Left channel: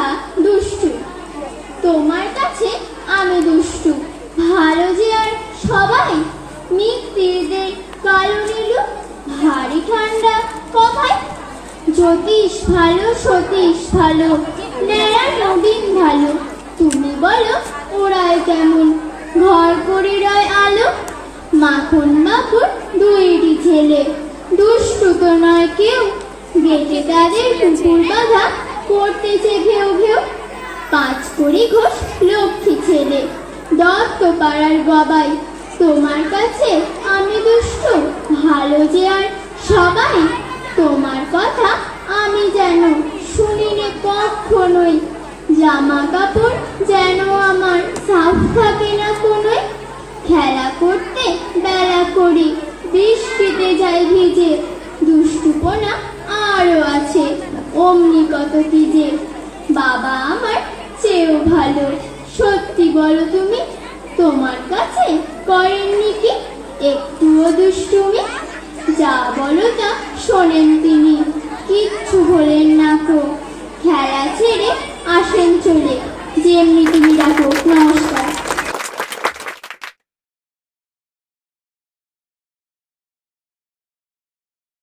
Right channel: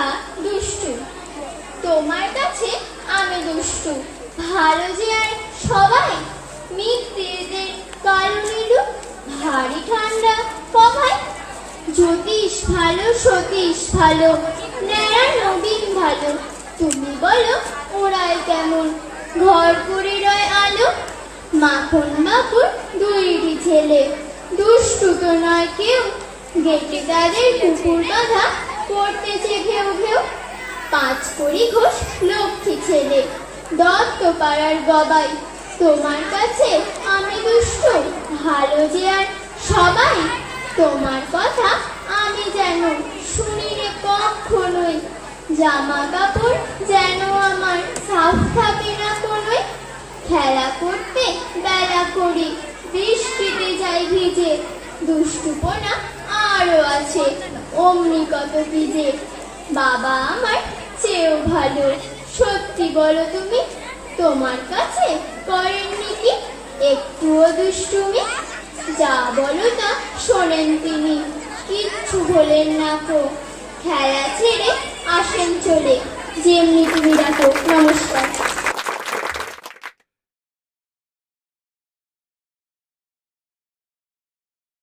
হা দুষ্টু। তোমার কাছে আমি দুষ্টু। ভালো যে আর সবাই, মিত্রদের কারণে ভারী ঠান্ডা কথায় জ্যোতিষ ভালো, সতীশ ভালো নেয়া নবীন ভালো। তুমি বলো ওরাই কেমন? ঘর করে রয় আলো। মাখন মাখন দুইটি ছেলে। দুষ্টু তো নয় কেউ। গেটে তাদের কুকুর বাঁধা। ঘোষ লক্ষ্মী ছেলে। দত্ত পাড়ার গবাই তোমার কাছে আমি দুষ্ট। ভালো যে আর সবাই, তোমার কথা আমি যেন শুনি রে কখনোই। জামা কাপড় যেন আমার সাফ থাকে না কোনোই। খেলা করতে বেলা করি বৃষ্টিতে যাই ভিজে। দুষ্টুপনা আরও আছে, অমনি কত কি যে। বাবা আমার ভালো। সত্যি বলো তুমি, তোমার কাছে করেননি কি একটুও দুষ্টুমি? যা বলো তা শোনেন তিনি, কিচ্ছু বলেন না তো। খেলা ছেড়ে আসেন চলে যেমনি তিনি